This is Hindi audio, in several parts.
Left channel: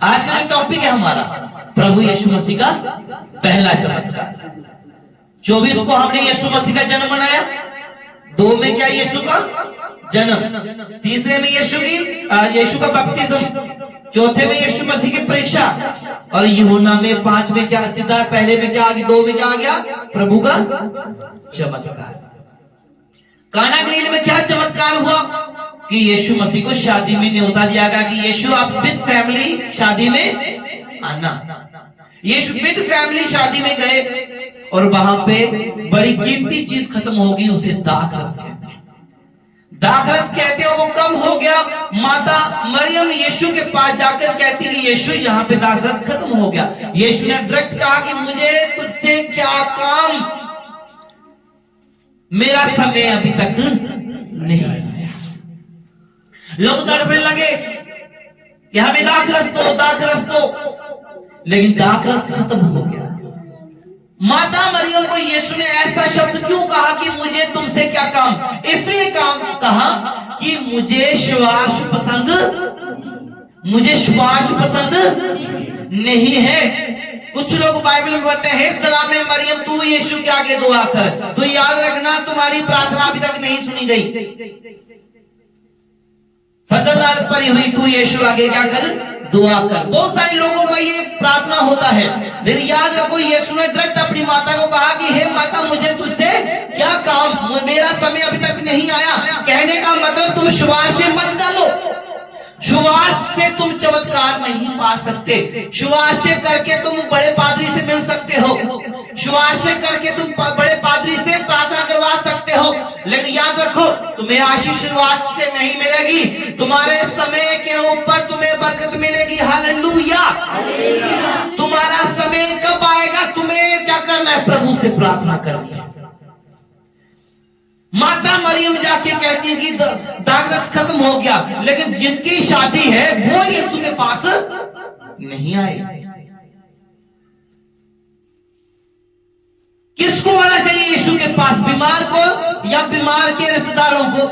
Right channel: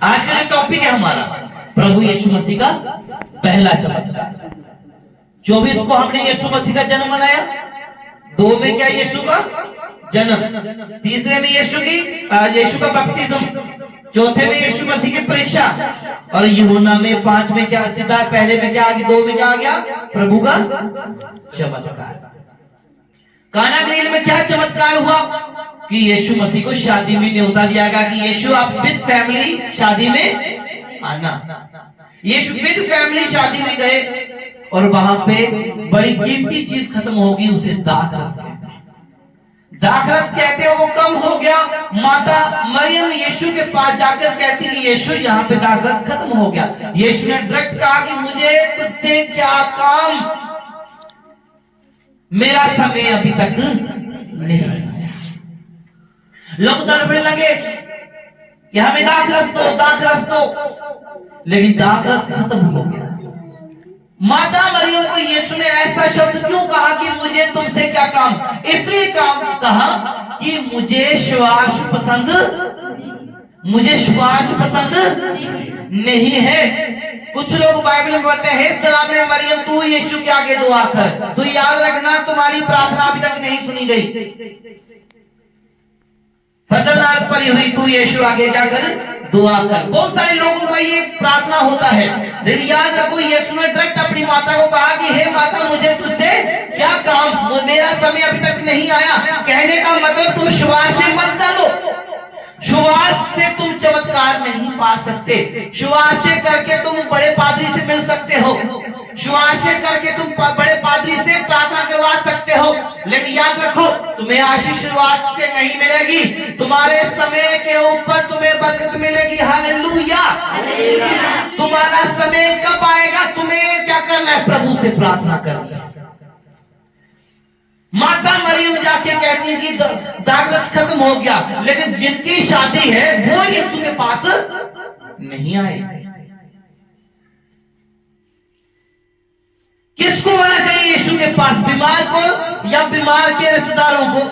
आज का जो टॉपिक है हमारा प्रभु यीशु मसीह का पहला चमत्कार। 24 को हमने यीशु मसीह का जन्म मनाया, 2 में क्या यीशु का जन्म, तीसरे में यीशु का बपतिस्म, चौथे में यीशु मसीह की परीक्षा, और यूहन्ना में 5 में क्या सीधा पहले में क्या आ गया, 2 में क्या आ गया, प्रभु का चमत्कार। काना गलील में क्या चमत्कार हुआ कि यीशु मसीह को शादी में न्योता दिया गया कि यीशु आप विद फैमिली शादी में आना। यीशु विद फैमिली शादी में गए और वहां पे बड़ी कीमती चीज खत्म हो गई, उसे दाखरस कहते हैं। दाखरस कहते हैं वो कम हो गया। माता मरियम यीशु के पास जाकर कहती कि यीशु यहाँ पे दाखरस खत्म हो गया। यीशु ने डायरेक्ट कहा कि मुझे तुझसे क्या काम, मेरा समय अभी तक नहीं आया। लोग तड़पने लगे कि हमें दाखरस दो, दाखरस दो, लेकिन दाखरस खत्म हो गया। माता मरियम को यीशु ने ऐसा शब्द क्यों कहा कि मुझे तुमसे क्या काम, इसलिए काम कहा कि मुझे सुवास पसंद नहीं है। कुछ लोग बाइबल में पढ़ते हैं सलामे मरियम तू यीशु के आगे दुआ कर, तो याद रखना तुम्हारी प्रार्थना अभी तक नहीं सुनी गई। फजल पड़ी हुई तू यीशु आगे क्या कर, दुआ कर। बहुत सारे लोगों का ये प्रार्थना होता है, लेकिन याद रखो यीशु ने डायरेक्ट अपनी माता को कहा कि हे माता मुझे तुझसे क्या काम, मेरा समय अभी तक नहीं आया। कहने का मतलब तुम सुवास से मत डालो, सुवास से तुम चमत्कार नहीं पा सकते। सुवास से करके तुम बड़े पादरी से मिल सकते हो, सुवास से करके तुम बड़े पादरी से प्रार्थना करवा सकते हो, लेकिन याद रखो तुम्हें आशीष सुवास से नहीं मिलेगी, तुम्हारे समय के ऊपर तुम्हें बरकत मिलेगी। हालेलुया। तुम्हारा समय कब आएगा, तुम्हें क्या करना है, प्रभु से प्रार्थना करनी है। माता मरियम जाके कहती है कि दाखरस खत्म हो गया, लेकिन जिनकी शादी है वो यीशु के पास नहीं आए। किसको आना चाहिए यीशु के पास, बीमार को या बीमार के रिश्तेदारों को?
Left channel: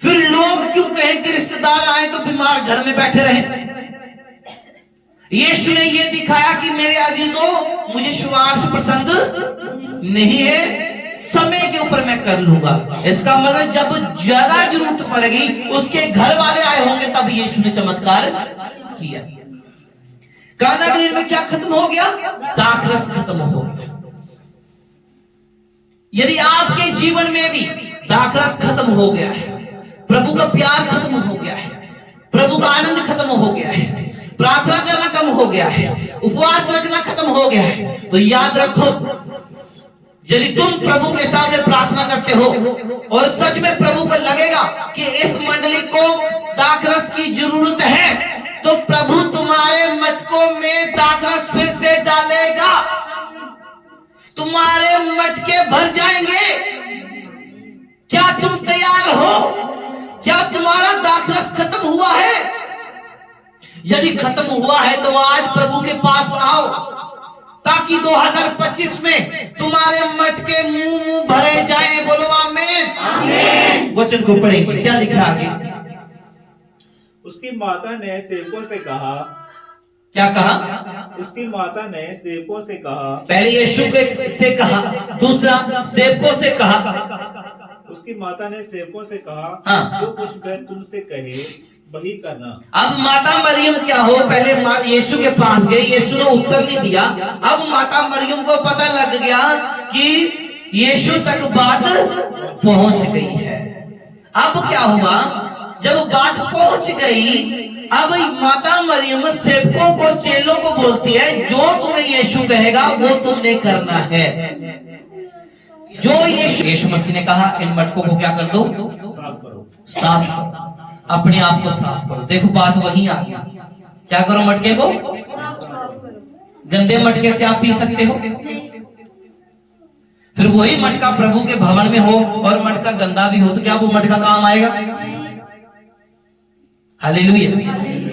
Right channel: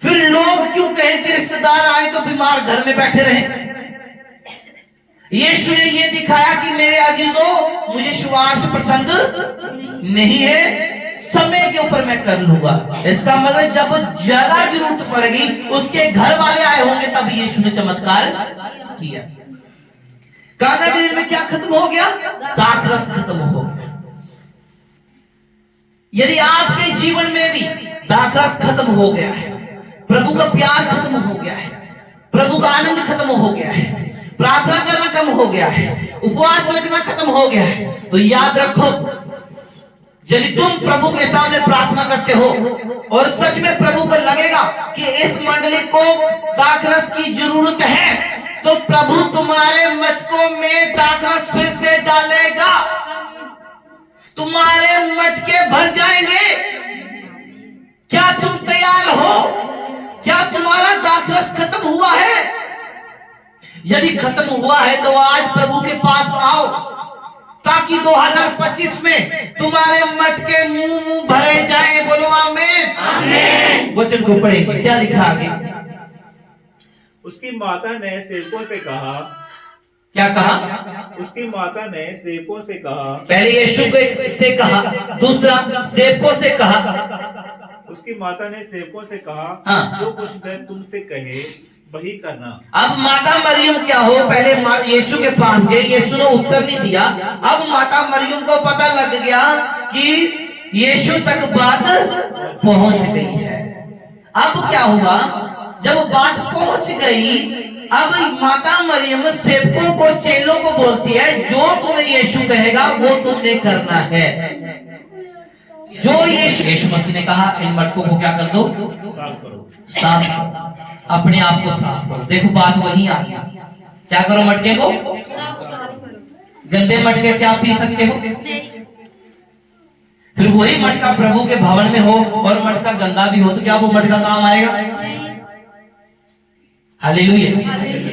फिर लोग क्यों कहें कि रिश्तेदार आए तो बीमार घर में बैठे रहे? यीशु ने यह दिखाया कि मेरे अजीजों मुझे सुवास पसंद नहीं है, समय के ऊपर मैं कर लूंगा। इसका मतलब जब ज्यादा जरूरत पड़ेगी उसके घर वाले आए होंगे तब यीशु ने चमत्कार किया। काना गलील में क्या खत्म हो गया, दाखरस खत्म हो गया। यदि आपके जीवन में भी दाखरस खत्म हो गया है, प्रभु का प्यार खत्म हो गया है, प्रभु का आनंद खत्म हो गया है, प्रार्थना करना कम हो गया है, उपवास रखना खत्म हो गया है, तो याद रखो यदि तुम प्रभु के सामने प्रार्थना करते हो और सच में प्रभु को लगेगा कि इस मंडली को दाखरस की जरूरत है, तो प्रभु तुम्हारे मटकों में दाखरस फिर से डालेगा, तुम्हारे मटके भर जाएंगे। क्या तुम तैयार हो? क्या तुम्हारा दाखरस खत्म हुआ है? यदि खत्म हुआ है तो आज प्रभु के पास आओ, ताकि 2025 में तुम्हारे मटके मुंह भरे जाए। बोलो आमीन। वचन को पढ़ेंगे, क्या लिखा आगे? उसकी माता ने सेवकों से कहा, क्या कहा? उसकी माता ने सेवकों से कहा, पहले यीशु से कहा, दूसरा सेवकों से कहा। उसकी माता ने सेवकों से कहा, हाँ। जो कुछ मैं तुमसे कहे वही करना। अब माता मरियम क्या हो, पहले यीशु के पास गए, यीशु ने उत्तर नहीं दिया। अब माता मरियम को पता लग गया कि यीशु तक बात पहुंच गई है। अब क्या हुआ, जब बात पहुंच गई, अब माता मरियम सेवकों को, चेलों को बोलती है जो तुम्हें यीशु कहेगा वो तुमने करना है। जो यीशु मसीह ने कहा इन मटकों को क्या कर दो, साफ करो, साफ करो, अपने आप को साफ करो। देखो बात वही आ गई, क्या करो, मटके को गंदे मटके से आप पी सकते हो? फिर वही मटका प्रभु के भवन में हो और मटका गंदा भी हो तो क्या वो मटका काम आएगा? हालेलुया।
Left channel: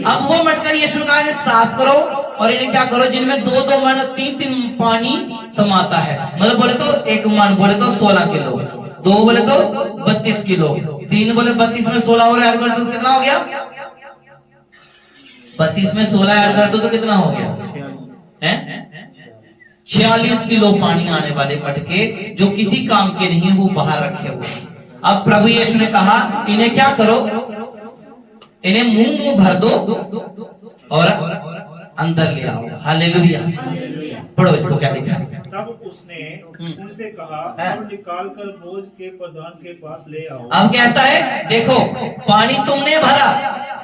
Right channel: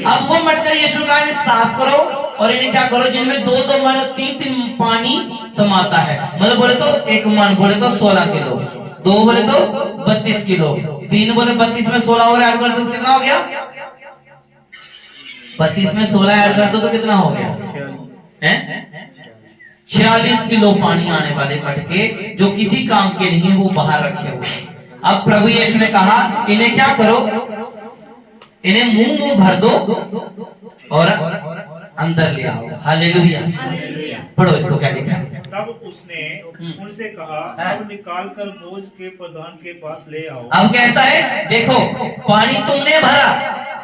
अब वो मटका यीशु कहा कि साफ करो और इन्हें क्या करो, जिनमें 2-2 मन 3-3 पानी समाता है। मतलब बोले तो 1 मन बोले तो 16 किलो, 2 बोले तो 32 किलो, 3 बोले 32 में 16 और ऐड करते तो कितना हो गया? 32 में 16 ऐड कर दो तो कितना हो गया हैं? 46 किलो पानी आने वाले मटके जो किसी काम के नहीं, वो बाहर रखे हुए। अब प्रभु यीशु ने कहा इन्हें क्या करो, इन्हें मुंह भर दो और अंदर ले आओ। हालेलुया। पढ़ो इसको क्या लिखा है। तब उसने उनसे कहा, अब निकाल कर बोझ के प्रधान के पास ले आओ। अब कहता है देखो, पानी तुमने भरा,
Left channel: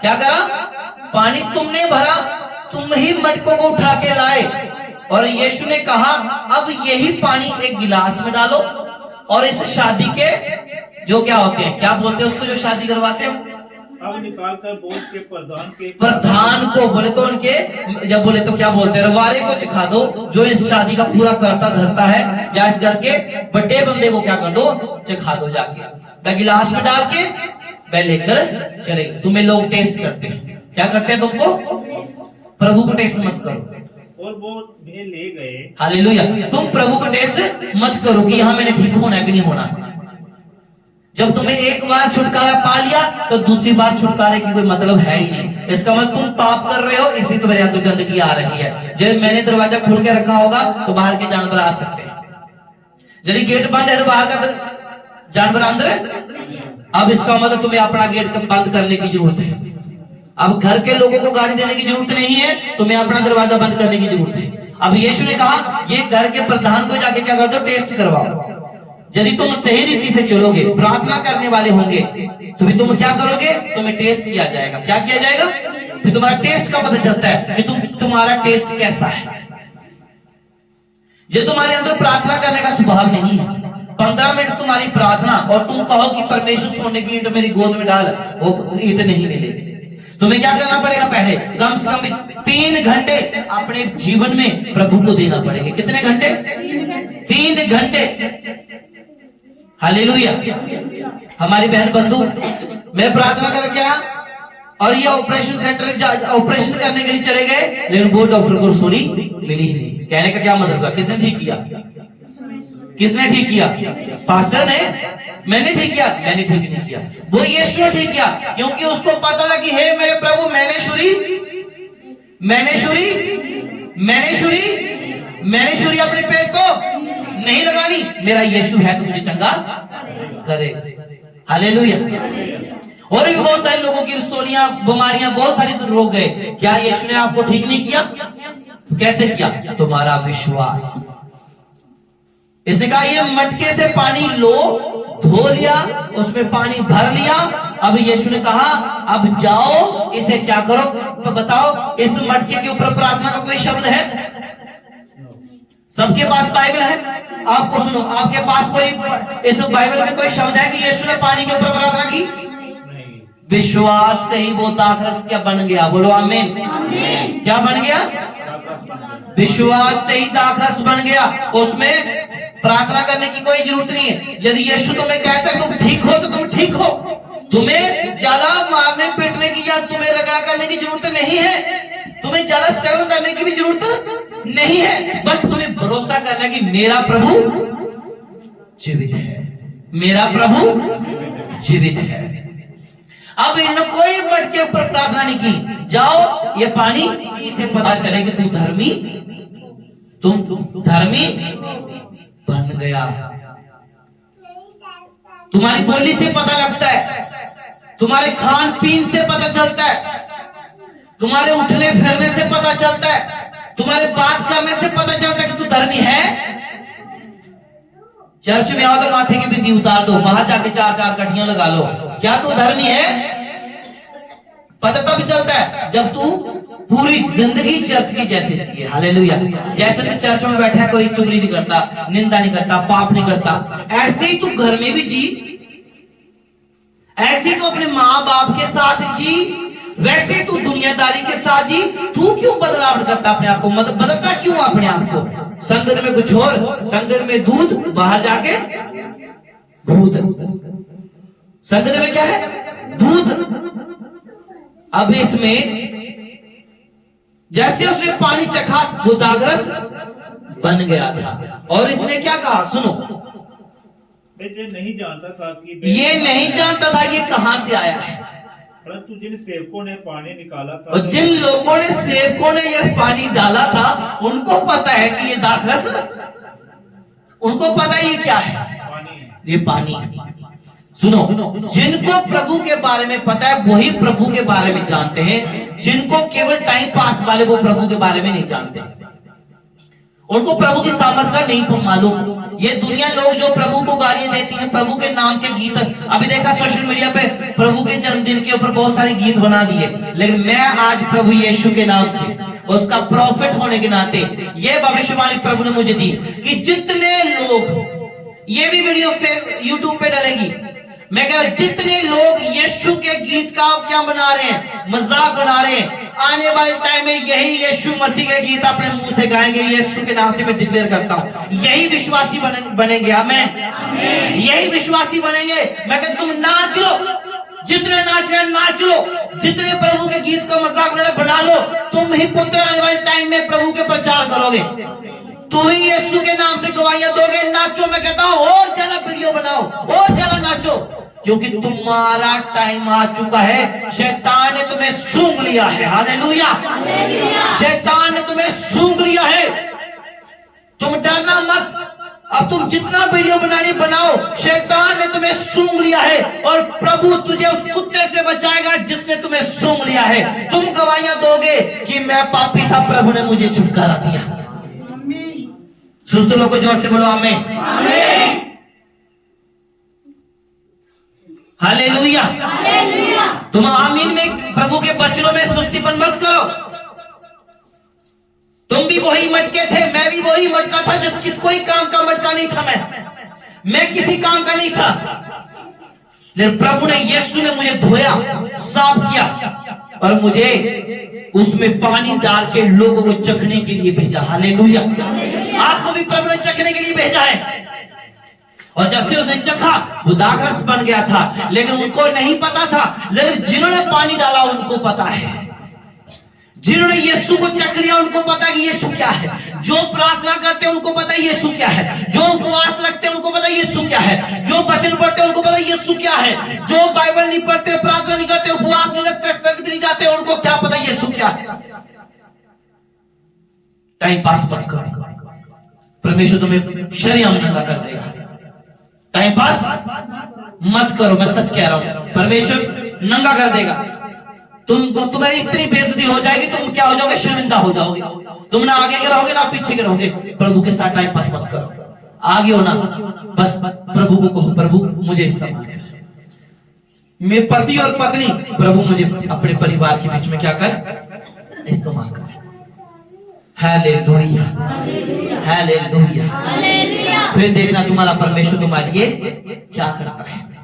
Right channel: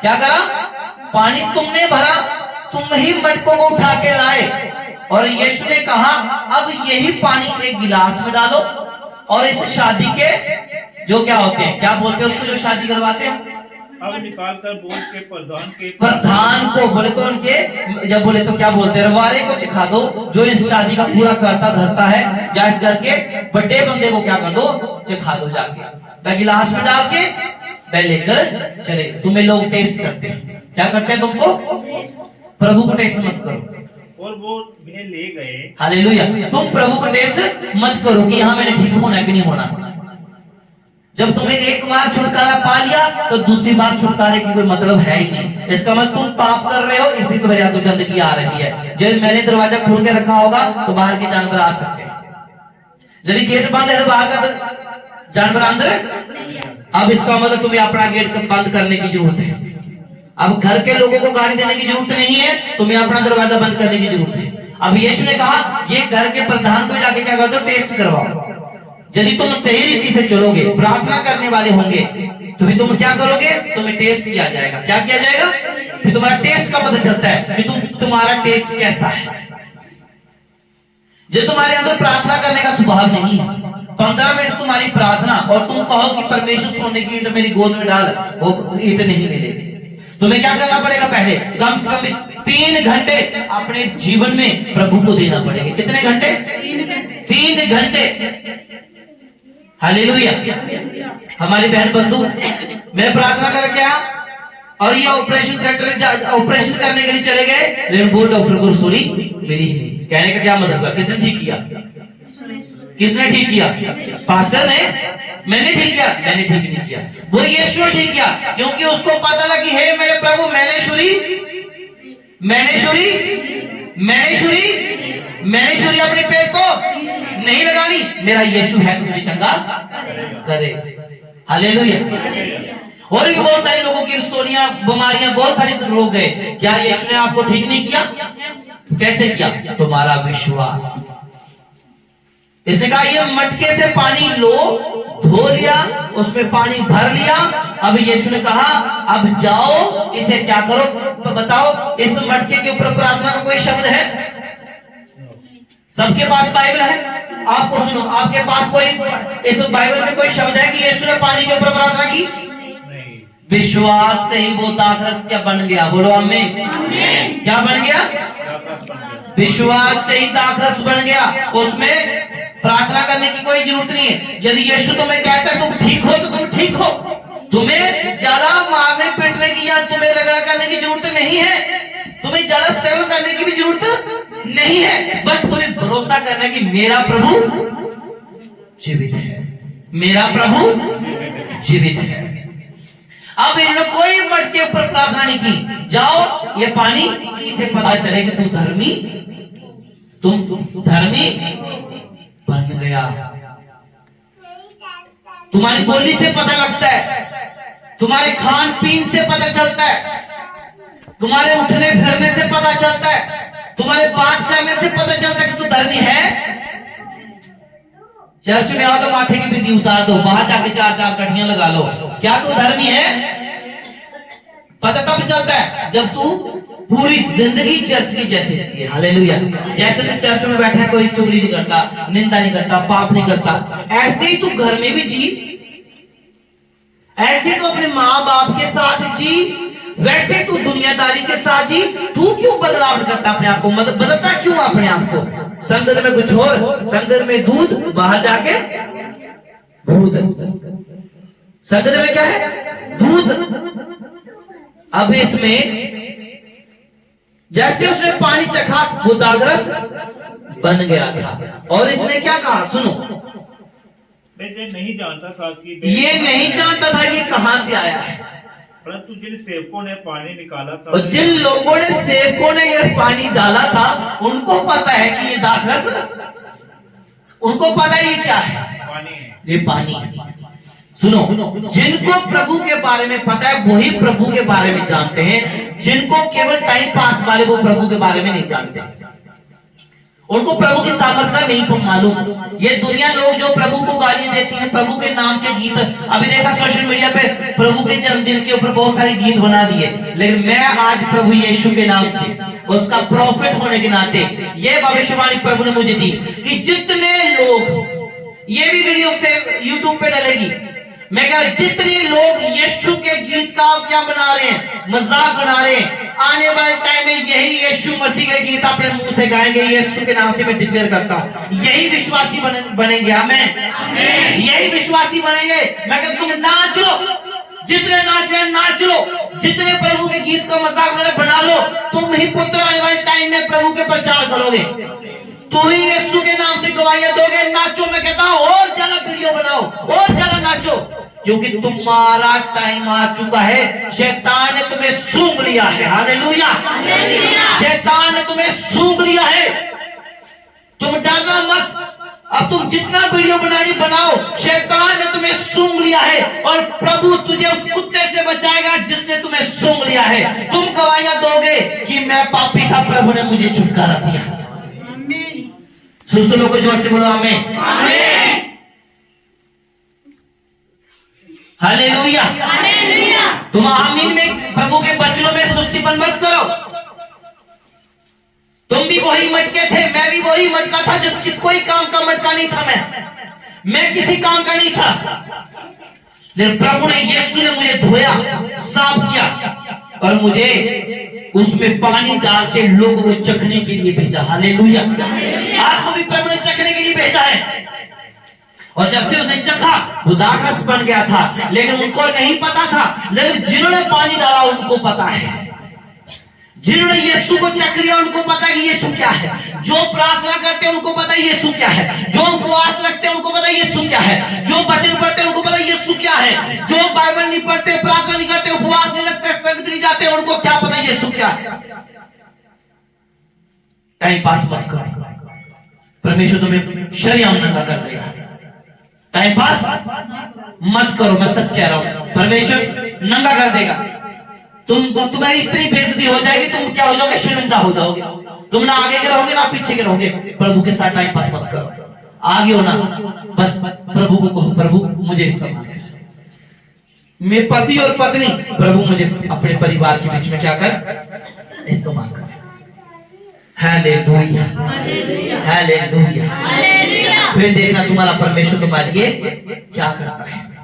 क्या करा, पानी तुमने भरा, तुम ही मटकों को उठा के लाए। और यीशु ने कहा अब यही पानी एक गिलास में डालो और इस शादी के जो क्या होते हैं, क्या बोलते हैं उसको, जो शादी करवाते हैं, अब निकाल कर बोझ के प्रधान को बोले तो उनके, जब बोले तो क्या बोलते हैं, रवारे को चिखा दो, जो इस शादी का पूरा करता धरता है, या इस घर के बड़े बंदे को क्या कर दो, चिखा दो जाके, वह गिलास में डाल के वह लेकर चले। तुम्हें लोग टेस्ट करते हैं, क्या करते हैं तुमको, प्रभु को टेस्ट मत करो। और वो वे ले गए। हालेलुया। तुम प्रभु को टेस्ट मत करो कि यहाँ मैंने ठीक होना है कि नहीं होना। जब तुम्हें एक बार छुटकारा पा लिया तो दूसरी बार छुटकारे की कोई मतलब है ही नहीं। इसका मतलब तुम पाप कर रहे हो, इसलिए तुम्हारे अंदर गंदगी आ रही है। जब मैंने दरवाजा खोल के रखा होगा तो बाहर के जानवर आ सकते हैं, यदि गेट बंद है तो बाहर का जानवर अंदर है। अब इसका मतलब तुम्हें अपना गेट बंद करने की जरूरत है। अब घर के लोगों को गाली देने की जरूरत नहीं है, तुम्हें अपना दरवाजा बंद करने की जरूरत है। अब यीशु ने कहा ये घर के प्रधान को जाके क्या कर दो, टेस्ट करवाओ। यदि तुम सही रीति से चलोगे, प्रार्थना करने वाले होंगे, तो फिर तुम क्या करोगे, तुम्हें टेस्ट किया जाएगा। क्या किया जाएगा, फिर तुम्हारा टेस्ट का पता चलता है कि तुम्हारा टेस्ट कैसा है। जो तुम्हारे अंदर प्रार्थना करने का स्वभाव नहीं है, 15 मिनट तुम्हारी प्रार्थना और तुम कहो कि परमेश्वर सोने की ईंट मेरी गोद में डाल, वो ईंट नहीं मिलेगी। तुम्हें क्या करना पड़ेगा, पहले कम से कम 3 घंटे अपने जीवन में प्रभु को देना पड़ेगा। कितने घंटे, 3 घंटे। हालेलुया। हमारी बहन बंधु, मैं प्रार्थना करके आया और ये ऑपरेशन थिएटर ऑपरेशन करने के लिए चले गए, लेकिन वो डॉक्टर को रसोली मिली ही नहीं। कहने का क्या मतलब हुआ, किसने ठीक किया, किसने ठीक किया, पास्टर ने, मैंने ठीक किया, मैंने ठीक नहीं किया, वो यीशु ने ठीक किया। क्योंकि उसको पता था कि हे मेरे प्रभु, मैंने छुरी अपने पेट को नहीं लगानी, मेरा यीशु है तो मुझे चंगा करे। हालेलुया। और भी बहुत सारे लोगों की रसोलियां, बीमारियां, बहुत सारे रोग गए, क्या यीशु ने आपको ठीक नहीं किया, कैसे किया, तुम्हारा विश्वास। इसने कहा ये मटके से पानी लो, धो लिया, उसमें पानी भर लिया। अब यीशु ने कहा अब जाओ इसे क्या करो, तो बताओ इस मटके के ऊपर प्रार्थना का कोई शब्द है, सबके पास बाइबल है, आपको सुनो, आपके पास कोई इस बाइबल में कोई शब्द है कि यीशु ने पानी के ऊपर प्रार्थना की? विश्वास से ही वो दाखरस क्या बन गया, बोलो आमीन। क्या बन गया, विश्वास से ही दाखरस बन गया, उसमें प्रार्थना करने की कोई जरूरत नहीं है। यदि यीशु तुम्हें कहता है तुम ठीक हो तो तुम ठीक हो, तुम्हें ज्यादा मारने पीटने की या तुम्हें रगड़ा करने की जरूरत नहीं है, तुम्हें ज्यादा स्ट्रगल करने की भी जरूरत नहीं है। बस तुम्हें भरोसा करना कि मेरा प्रभु जीवित है, मेरा प्रभु जीवित है। अब इन्होंने कोई मटके ऊपर प्रार्थना नहीं की, जाओ ये पानी इसे पता चले कि तुम धर्मी बन गया। तुम्हारी बोली से पता लगता है, तुम्हारे खान पीन से पता चलता है, तुम्हारे उठने फिरने से पता चलता है, तुम्हारे बात करने से पता चलता है कि तू धर्मी है। चर्च में आओ तो माथे की बिंदी उतार दो, बाहर जाके 4-4 कठियां लगा लो, क्या तू धर्मी है? पता तब चलता है जब तू पूरी जिंदगी चर्च की जैसे जिए। हालेलुया। जैसे तू चर्च में बैठा है, कोई चुगली नहीं करता, निंदा नहीं करता, पाप नहीं करता, ऐसे ही तू घर में भी जी, ऐसे तू अपने माँ बाप के साथ जी, वैसे तू दुनियादारी के साथ जी। तू क्यों बदलाव करता अपने आप को, बदलता क्यों अपने आप को? संगत में कुछ और, संगत में दूध, बाहर जाके भूत। संगत में क्या है, दूध। अब इसमें जैसे उसने पानी चखा वो दाखरस बन गया था। और इसने क्या कहा, सुनो, मैं ये नहीं जानता था कि ये नहीं जानता था ये कहां से आया है। परंतु जिन सेवकों ने पानी निकाला था, और जिन लोगों ने सेवकों ने यह पानी डाला था, उनको पता है कि ये दाखरस, उनको पता है ये क्या है, पानी है। ये पानी। सुनो, जिनको प्रभु के बारे में पता है वही प्रभु के बारे में जानते हैं। जिनको केवल टाइम पास वाले, वो प्रभु के बारे में नहीं जानते। उनको प्रभु की सामर्थ का नहीं मालूम। ये दुनिया लोग जो प्रभु को गालियां देती हैं, प्रभु के नाम के गीत, अभी देखा सोशल मीडिया पे प्रभु के जन्मदिन के ऊपर बहुत सारे गीत बना दिए। लेकिन मैं आज प्रभु यीशु के नाम से, उसका प्रॉफिट होने के नाते, ये भविष्यवाणी प्रभु ने मुझे दी कि जितने लोग, ये भी वीडियो यूट्यूब पे डलेगी, मैं कह रहा जितने लोग यीशु के गीत का क्या बना रहे हैं, मजाक बना रहे हैं, आने वाले टाइम में यही यीशु मसीह के गीत अपने मुंह से गाएंगे। यीशु के नाम से मैं डिक्लेयर करता हूं, यही विश्वासी बनेंगे। आमीन। यही विश्वासी बनेंगे। मैं कहता तुम नाच लो, जितने नाच रहे नाच लो, जितने प्रभु के गीत का मजाक बना लो। तुम ही पुत्र आने वाले टाइम में प्रभु के प्रचार करोगे, तू ही यीशु के नाम से गवाहियां दोगे। नाचो, मैं कहता हूं और ज्यादा वीडियो बनाओ, और ज्यादा नाचो, क्योंकि तुम्हारा टाइम आ चुका है। शैतान ने तुम्हें सूंघ लिया है। हालेलुया। शैतान ने तुम्हें सूंघ लिया है। तुम डरना मत। अब तुम जितना वीडियो बनानी बनाओ, शैतान ने तुम्हें सूंघ लिया है और प्रभु तुझे उस कुत्ते से बचाएगा जिसने तुम्हें सूंघ लिया है। तुम गवाहियां दोगे कि मैं पापी था, प्रभु ने मुझे छुटकारा दिया। सुस्त लोगों जोर से बोलो आमीन। हालेलुया। तुम आमीन में प्रभु के वचनों में सुस्तीपन मत करो। तुम भी वही मटके थे, मैं भी वही मटका था, जिस कोई काम का मटका नहीं था। मैं किसी काम का नहीं था, लेकिन प्रभु ने, यीशु ने मुझे धोया, साफ किया और मुझे उसमें पानी डाल के लोगों को चखने के लिए भेजा। हालेलुया। आपको भी प्रभु ने चखने के लिए भेजा है। और जब से उसने चखा, वो दाखरस बन गया था, लेकिन उनको नहीं पता था। लेकिन जिन्होंने पानी डाला उनको पता है। जिन्होंने यीशु को चख लिया उनको पता है कि यीशु क्या है। जो प्रार्थना करते हैं उनको पता है यीशु क्या है। जो उपवास रखते हैं उनको पता है यीशु क्या है। जो वचन पढ़ते हैं उनको पता है यीशु क्या है। जो बाइबल नहीं पढ़ते, प्रार्थना नहीं करते, उपवास नहीं रखते, संगत नहीं जाते, उनको क्या पता है यीशु क्या है। टाइम पास मत करो, परमेश्वर तुम्हें शर्म नंगा कर देगा। टाइम पास मत करो, मैं सच कह रहा हूं, परमेश्वर नंगा कर देगा। तुम्हारी इतनी बेइज्जती हो जाएगी, तुम क्या हो जाओगे, शर्मिंदा हो जाओगे। तुम ना आगे के रहोगे ना पीछे के रहोगे। प्रभु के साथ टाइम पास मत करो, आगे हो ना, बस प्रभु को कहो, प्रभु मुझे इस्तेमाल कर। मेरे पति और पत्नी, प्रभु मुझे अपने परिवार के बीच में क्या कर, इस्तेमाल कर। Hallelujah, hallelujah. फिर देखना तुम्हारा परमेश्वर तुम्हारे लिए क्या करता है।